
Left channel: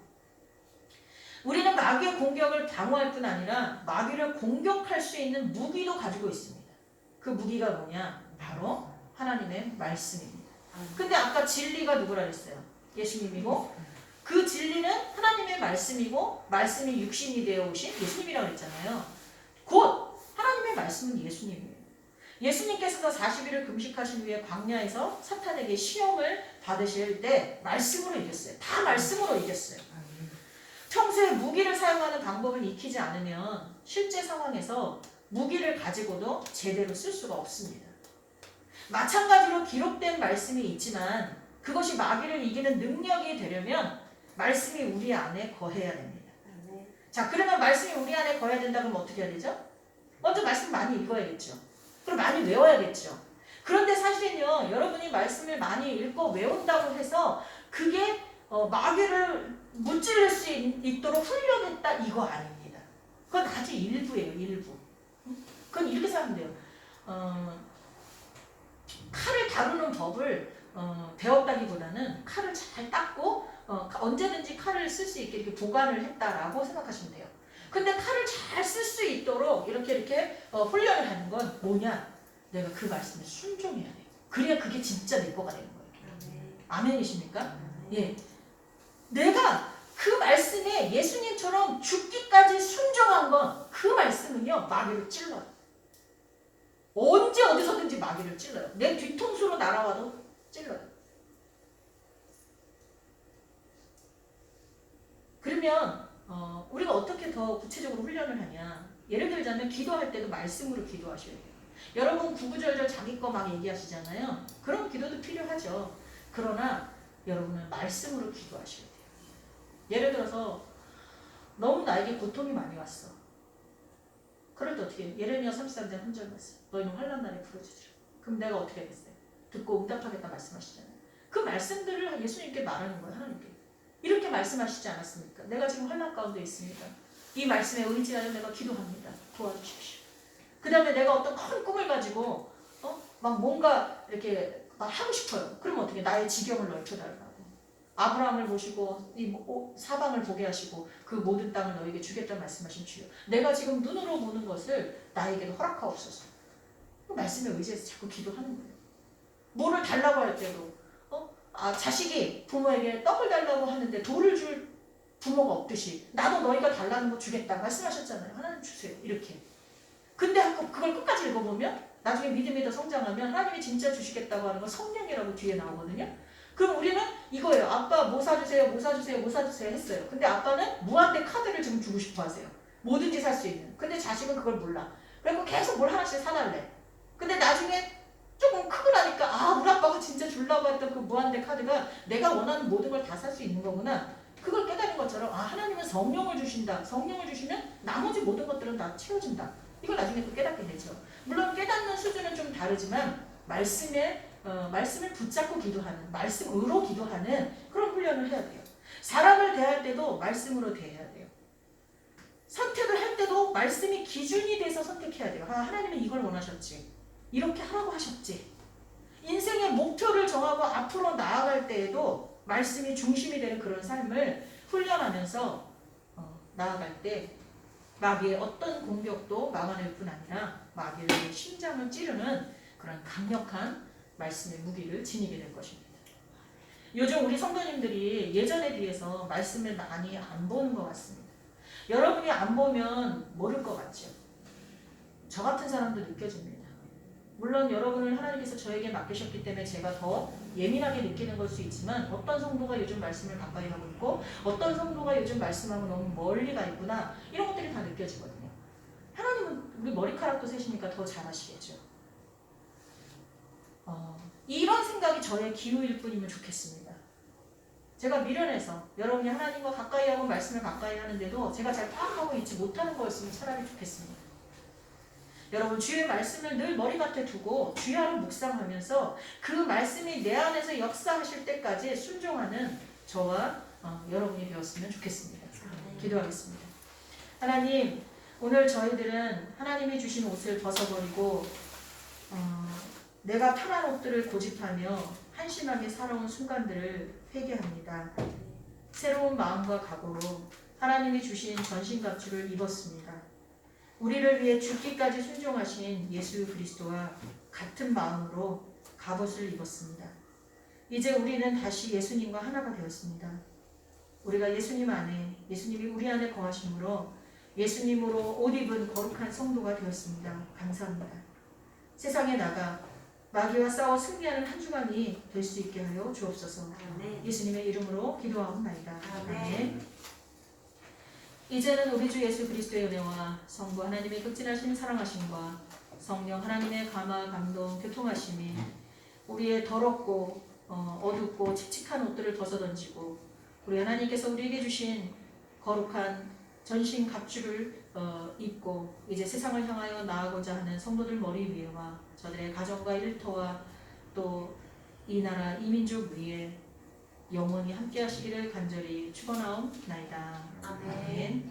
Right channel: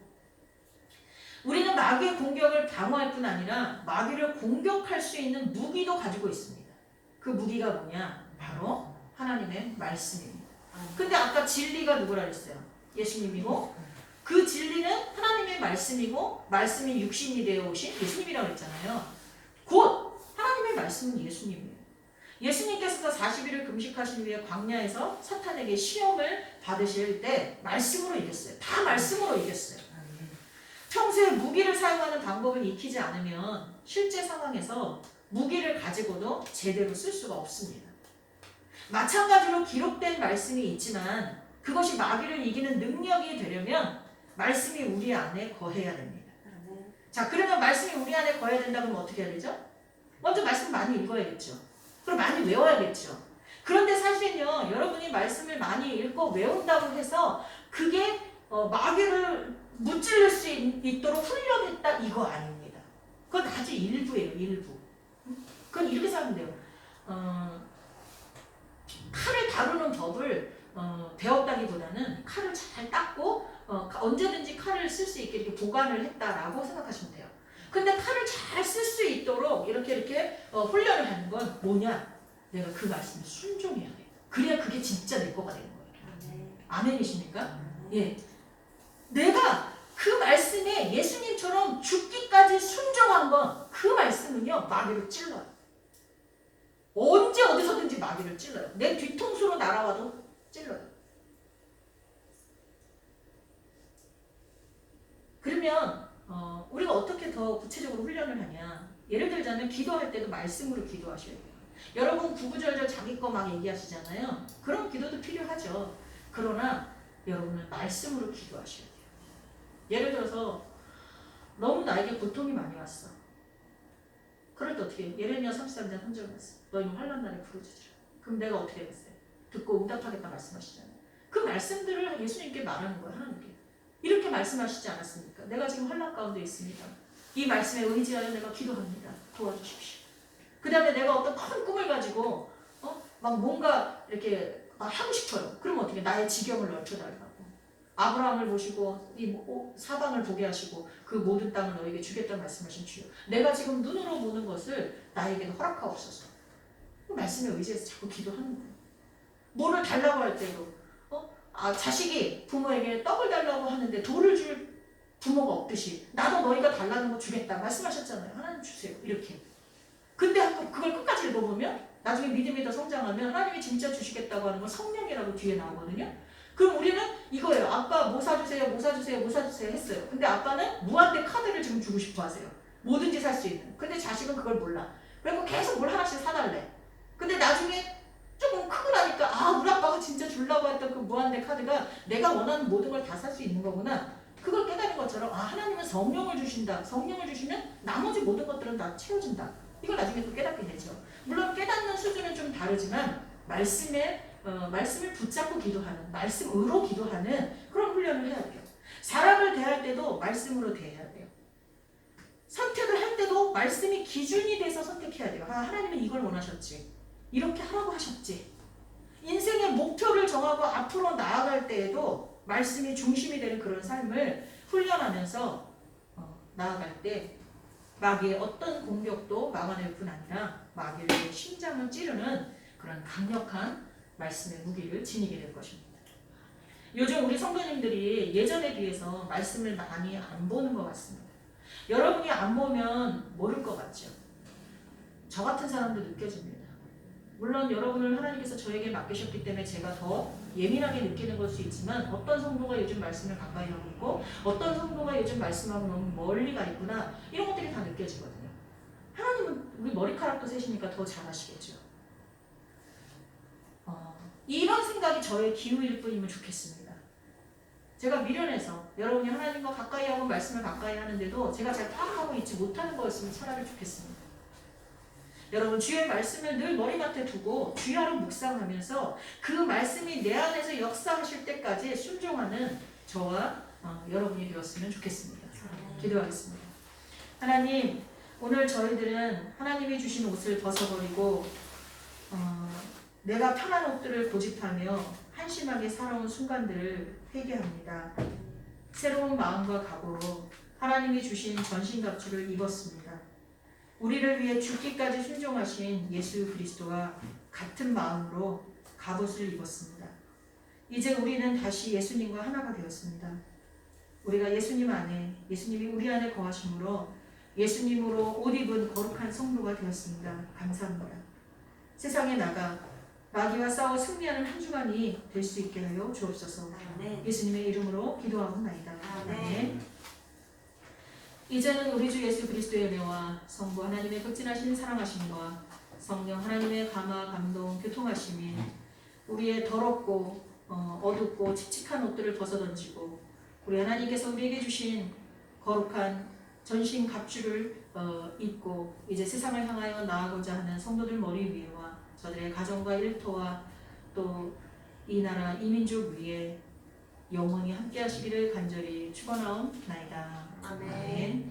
우리는 마귀의 공격을 방어할 뿐 아니라 마귀를 공격할 수 있는 무기도 가지고 있습니다. 그 무기가 뭐냐? 바로 하나님의 말씀입니다. 근데 아까 진리가 누구라 그랬어요? 예수님이고 그 진리는 하나님의 말씀이고 말씀이 육신이 되어 오신 예수님이라고 그랬잖아요. 곧 하나님의 말씀은 예수님이에요. 예수님께서도 40일을 금식하신 후에 광야에서 사탄에게 시험을 받으실 때 말씀으로 이겼어요. 다 말씀으로 이겼어요. 평소에 무기를 사용하는 방법을 익히지 않으면 실제 상황에서 무기를 가지고도 제대로 쓸 수가 없습니다. 마찬가지로 기록된 말씀이 있지만 그것이 마귀를 이기는 능력이 되려면 말씀이 우리 안에 거해야 됩니다. 자, 그러면 말씀이 우리 안에 거해야 된다 그러면 어떻게 해야 되죠? 먼저 말씀 많이 읽어야겠죠. 그리고 많이 외워야겠죠. 그런데 사실은요, 여러분이 말씀을 많이 읽고 외운다고 해서 그게 마귀를 무찔릴 수 있도록 훈련했다 이거 아닙니다. 그건 아주 일부예요. 일부. 그건 이렇게 생각하면 돼요. 칼을 다루는 법을 배웠다기보다는 칼을 잘 닦고 언제든지 칼을 쓸 수 있게 이렇게 보관을 했다라고 생각하시면 돼요. 근데 칼을 잘 쓸 수 있도록 이렇게 훈련을 하는 건 뭐냐? 내가 그 말씀에 순종해야 돼요. 그래야 그게 진짜 내 거가 되는 거예요. 아멘이십니까? 예. 내가 그 말씀에 예수님처럼 죽기까지 순종한 건 그 말씀은요 마귀를 찔러요. 언제 어디서든지 마귀를 찔러요. 내 뒤통수로 날아와도 찔러요. 그러면 우리가 어떻게 더 구체적으로 훈련을 하냐? 예를 들자면 기도할 때도 말씀으로 기도하셔야 돼요. 여러분 구구절절 자기 거 막 얘기하시잖아요. 그런 기도도 필요하죠. 그러나 여러분은 말씀으로 기도하셔야 돼요. 예를 들어서 너무 나에게 고통이 많이 왔어. 그럴 때 어떻게 해요? 예레미야 33장 3절 말씀. 너희는 환난 날에 부르짖으라. 그럼 내가 어떻게 하겠어요? 듣고 응답하겠다 말씀하시잖아요. 그 말씀들을 예수님께 말하는 거예요. 하나님께. 이렇게 말씀하시지 않았습니까? 내가 지금 환난 가운데 있습니다. 이 말씀에 의지하여 내가 기도합니다. 도와주십시오. 그 다음에 내가 어떤 큰 꿈을 가지고 막 뭔가 이렇게 막 하고 싶어요. 그럼 어떻게 나의 지경을 넓혀달라고. 아브라함을 모시고 이 사방을 보게 하시고 그 모든 땅을 너에게 주겠다 말씀하신 주여. 내가 지금 눈으로 보는 것을 나에게도 허락하옵소서. 그 말씀에 의지해서 자꾸 기도하는 거예요. 뭐를 달라고 할 때도 자식이 부모에게 떡을 달라고 하는데 돌을 줄 부모가 없듯이 나도 너희가 달라는 거 주겠다 말씀하셨잖아요. 하나님 주세요. 이렇게. 근데 그걸 끝까지 읽어보면 나중에 믿음이 더 성장하면 하나님이 진짜 주시겠다고 하는 건 성령이라고 뒤에 나오거든요. 그럼 우리는 이거예요. 아빠 뭐 사주세요, 뭐 사주세요, 뭐 사주세요 했어요. 근데 아빠는 무한대 카드를 지금 주고 싶어 하세요. 뭐든지 살 수 있는. 근데 자식은 그걸 몰라. 그리고 계속 뭘 하나씩 사달래. 근데 나중에 조금 크고 나니까 우리 아빠가 진짜 주려고 했던 그 무한대 카드가 내가 원하는 모든 걸 다 살 수 있는 거구나. 그걸 깨달은 것처럼 하나님은 성령을 주신다. 성령을 주시면 나머지 모든 것들은 다 채워진다. 이걸 나중에 또 깨닫게 되죠. 물론 깨닫는 수준은 좀 다르지만 말씀을 붙잡고 기도하는, 말씀으로 기도하는 그런 훈련을 해야 돼요. 사람을 대할 때도 말씀으로 대해야 돼요. 선택을 할 때도 말씀이 기준이 돼서 선택해야 돼요. 하나님은 이걸 원하셨지. 이렇게 하라고 하셨지. 인생의 목표를 정하고 앞으로 나아갈 때에도 말씀이 중심이 되는 그런 삶을 훈련하면서 나아갈 때 마귀의 어떤 공격도 막아낼 뿐 아니라 마귀의 심장을 찌르는 그런 강력한 말씀의 무기를 지니게 될 것입니다. 요즘 우리 성도님들이 예전에 비해서 말씀을 많이 안 보는 것 같습니다. 여러분이 안 보면 모를 것 같죠? 저 같은 사람도 느껴집니다. 물론 여러분을 하나님께서 저에게 맡기셨기 때문에 제가 더 예민하게 느끼는 걸 수 있지만 어떤 성도가 요즘 말씀을 가까이 하고 있고 어떤 성도가 요즘 말씀하고 너무 멀리 가 있구나 이런 것들이 다 느껴지거든요. 하나님은 머리카락도 세시니까 더 잘하시겠죠. 이런 생각이 저의 기우일 뿐이면 좋겠습니다. 제가 미련해서 여러분이 하나님과 가까이 하고 말씀을 가까이 하는데도 제가 잘 따라가고 있지 못하는 거였으면 차라리 좋겠습니다. 여러분 주의 말씀을 늘 머리맡에 두고 주야로 묵상하면서 그 말씀이 내 안에서 역사하실 때까지 순종하는 저와 여러분이 되었으면 좋겠습니다. 기도하겠습니다. 하나님, 오늘 저희들은 하나님이 주신 옷을 벗어버리고 내가 편한 옷들을 고집하며 한심하게 살아온 순간들을 회개합니다. 새로운 마음과 각오로 하나님이 주신 전신갑주를 입었습니다. 우리를 위해 죽기까지 순종하신 예수 그리스도와 같은 마음으로 갑옷을 입었습니다. 이제 우리는 다시 예수님과 하나가 되었습니다. 우리가 예수님 안에, 예수님이 우리 안에 거하심으로 예수님으로 옷 입은 거룩한 성도가 되었습니다. 감사합니다. 세상에 나가 마귀와 싸워 승리하는 한 주간이 될 수 있게 하여 주옵소서. 예수님의 이름으로 기도하옵나이다. 아멘. 이제는 우리 주 예수 그리스도의 은혜와 성부 하나님의 극진하신 사랑하심과 성령 하나님의 감화 감동 교통하심이 우리의 더럽고 어둡고 칙칙한 옷들을 벗어던지고 우리 하나님께서 우리에게 주신 거룩한 전신 갑주를 입고 이제 세상을 향하여 나아가고자 하는 성도들 머리 위에와 저들의 가정과 일터와 또 이 나라 이 민족 위에 영원히 함께 하시기를 간절히 축원하옵나이다. 아멘.